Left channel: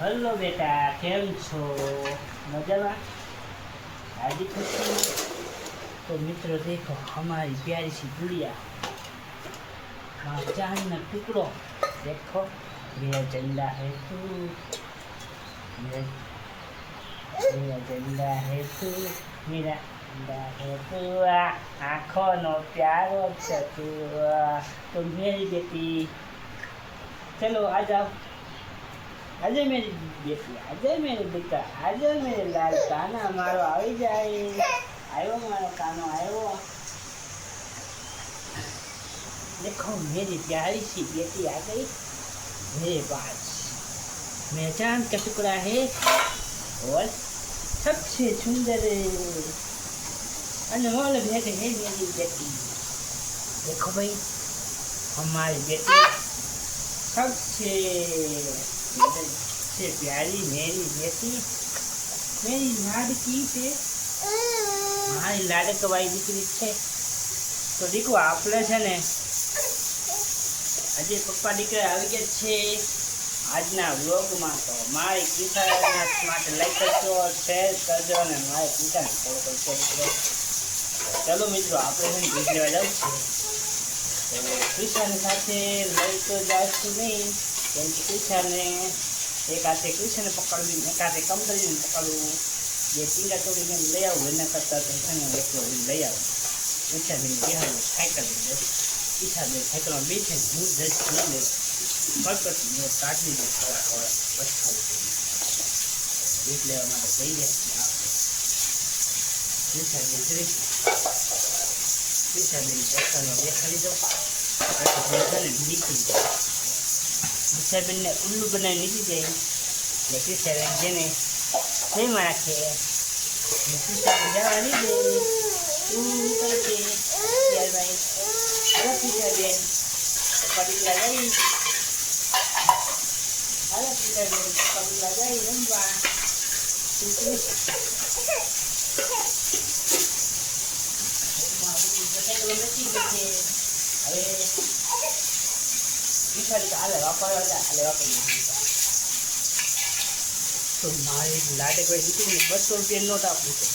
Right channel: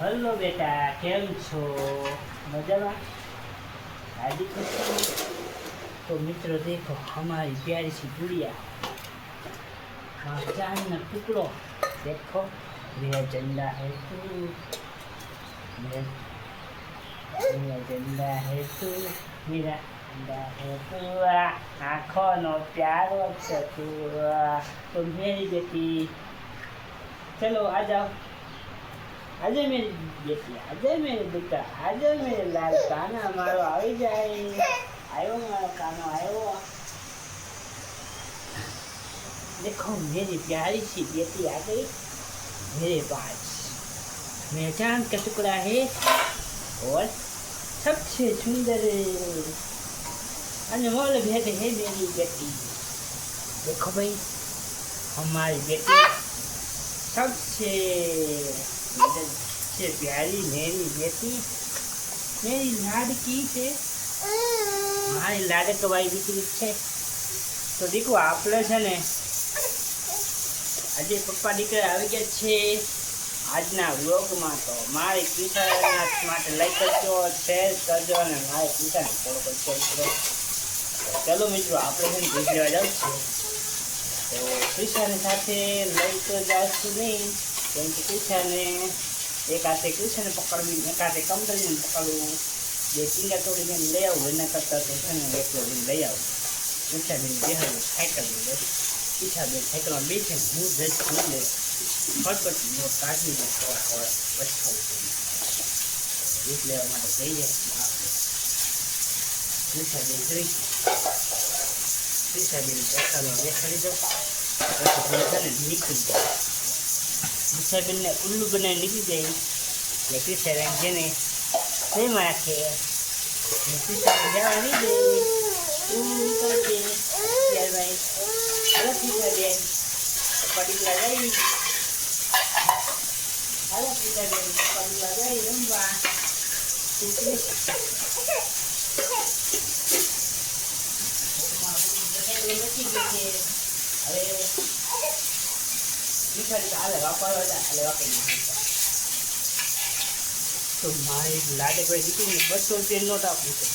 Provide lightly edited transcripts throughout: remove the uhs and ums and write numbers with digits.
Hello बेटा केम छो मजा में हाजी खुशी। तो मित्रों देखो हमारी प्यारी सी गुड़िया हाँ चांद न टुकड़ो देखो मेरा झंडा है तू मेरा झंडा है तू मेरा झंडा है तू आँखों नो प्यारो छ तू तो मेरी बेटी चलो आ जाओ આજે मेरी बेटी આજે मेरे दुका આજે मेरे लाल काना मारो આવી જાય आयो मारो कानो आयो। देखो मेरी प्यारी सी बेटी आ गई मेरे पास। मैं चांद का टुकड़ा है और सबसे सुंदर अनमोल भेंट है मेरी बेटी। देखो भाई हमारी बेटी सबसे से प्यारी मेरी बेटी मेरी लाडकी से मारी लाडकवाई દીકરી છે। તો દીકરો આપણે છે ને આજે પપ્પા દીકરા આવી ગયા છે આજના વ્લોગમાં। તો મારી કિસાના માટે લાઈક કરજો શેર કરજો અને મારી કિસાને ફોલો કરજો। ચલો મિત્રો આપણે હું દૂધ લેવા જાઉં છું તો કિસાની સાથે લઈ તો જાશું નહીં કેમ કે કિસાને एक हाथे कृष्ण ने पकड़वी एक हाथे कमदरी ने पकड़ू जे टींगा तोड़ी ने ले आओ एना करता तो है ने एक ले आओ कृष्ण ने बिहार साइकिल ले पीछा दे साइकिल में बैठे मुंह जज ले फटफट नो काटली ने थोड़ा थोड़ा बचो इस लेवा માટે જઈએ कृष्ण ने फ्री कृष्ण ने देखा देखाड़ी दो तो ने निकली जाए मुसाफिर ने उल्लू बनाए निकली गई लेकिन सरेंगे ने सही मारा के जावा नहीं दे करके यार भाई अरे पीछे दे पड़ी लगाई अरे पीछे दे पड़ी लगाई रंबा अरे तो मारी लाडे भाई जीती ने 200 रुपया नोट आपू छे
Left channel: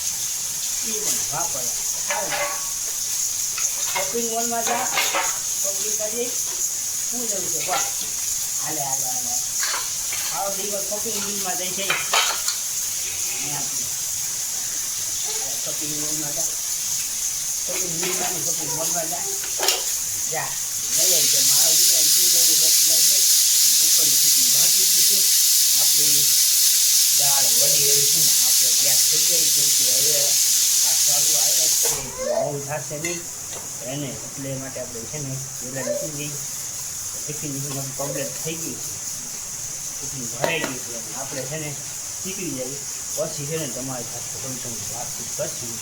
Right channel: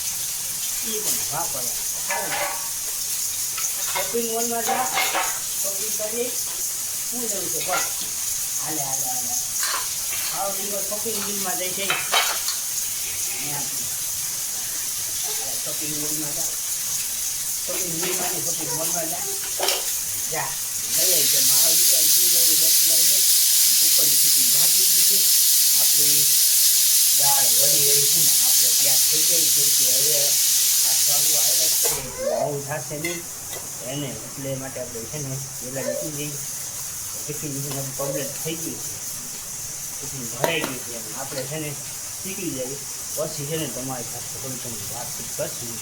ई पण वापरया शॉपिंग मॉल में जा शॉपिंग करी હું જવું છે બસ હાલે હાલે હાલે આવો દીકો શોપિંગ મોલ માં જઈ છે અહીંયા શોપિંગ મોલ માં જા શોપિંગ મોલ માં જા જા લઈ આવી છે મારો દીકરો લઈ છે ઉપરની ખીચડી ભાગી દીધી છે આપણી દાળ વળી રહી છે ને આપણે ત્યાં થઈ ગઈ જેમ કે હવે આ સ્વાગો આવ્યા છે બહુ થશે નહીં એને એટલે માટે આપણે છે ને પહેલાં નીકળી જઈએ ટિફિન કમ્પ્લીટ થઈ ગઈ છે ટિફિન ભરાઈ ગઈ છે આપણે છે ને નીકળી જઈએ પછી છે ને તમારી સાથે થોડી થોડી વાતચીત કરશું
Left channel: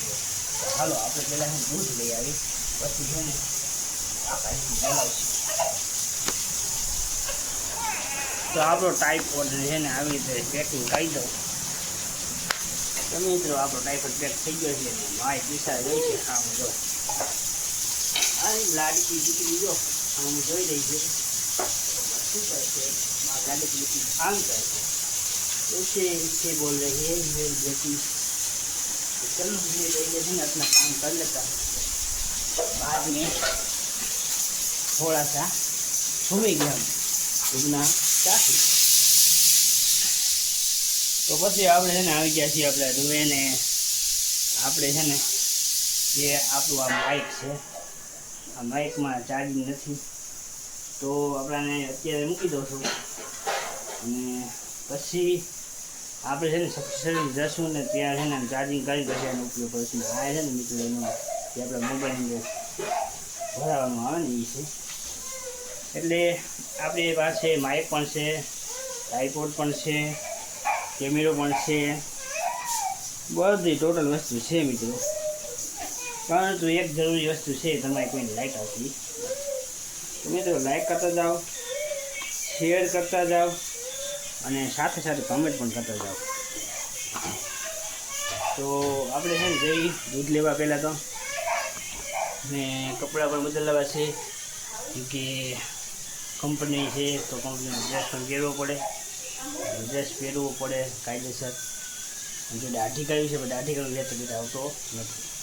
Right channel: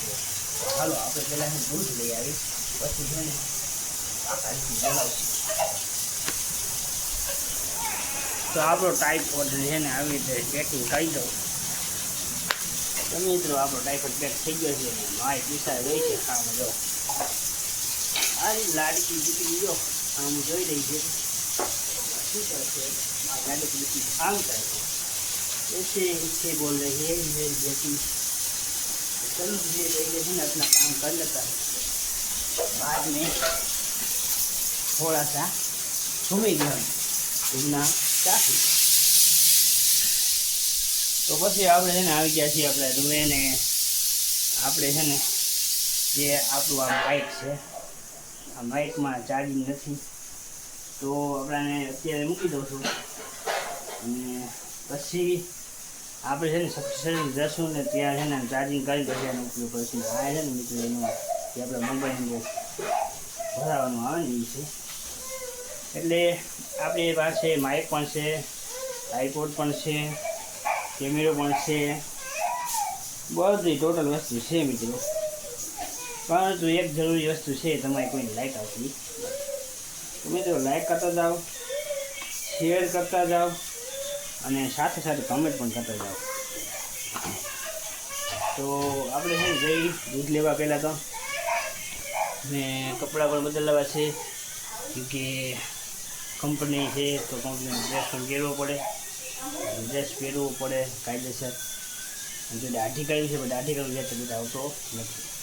હાલો આપણે પહેલાં દૂધ લઈ આવી પછી છે ને બોલાવશું तो आप टाइफॉइड है ने આવી રીતે પેકિંગ કરી દો તો મિત્રો આપણો ટાઈફોઇડ પેક થઈ ગયો છે ને માય દિશા રહી છે આમ જો આ લાડકી દીકરી જો આમ જોઈ રહી છે શું કરે છે મારી લાડકી દીકરી આમ કરે છે ऐसे इससे बोल रही है मेरी बेटी चलो ये लेके है अपना काम कर लेता है बाद में थोड़ा सा घूमेंगे हम घूमना चाहती तो પછી આપણે છે ને આવી ગયા છીએ આપણે રૂમે ને આપણે છે ને જે આપણું આ માઇક છે આ માઇકમાં ચાર્જિંગ નથી તો આપણાને અત્યારે મૂકી દઉં છું અને પછી આપણે છે ને સબસ્ક્રાઈબ જશું ને ત્યાં છે ને ચાર્જિંગ કરી પછી એનો ઉપયોગ કરીશું આ છે ને મિત્રો એનો જે આપણા મોબાઈલની ભરાવાનું આવે ને એ છે એટલે આપણી પાસે માઇક પણ છે ટ્રાયપોડ પણ છે કેમેરો પણ છે બધી ટોટલ વસ્તુ છે મિત્રો પરંતુ એક જરૂરી વસ્તુ છે તમારી કોઈને લાઈક આવતી તો મિત્રો લાઈક કરતા જાઓ શેર કરતા જાઓ અને સાથે સાથે કમેન્ટ પણ કરતા જાઓ તો આપણે છે ને જઈ દૂધ લેવા પહેલાં તો ને કપડાં પણ બદલાવા છે કે કંપની છે તો કંપનીનો ડ્રેસ પણ પહેરવો પડે ડ્રેસ પહેરવો પડે કાયદેસર. જો દાઢી કરવી છે પણ દાઢી કરવી છે તો આવતો નથી.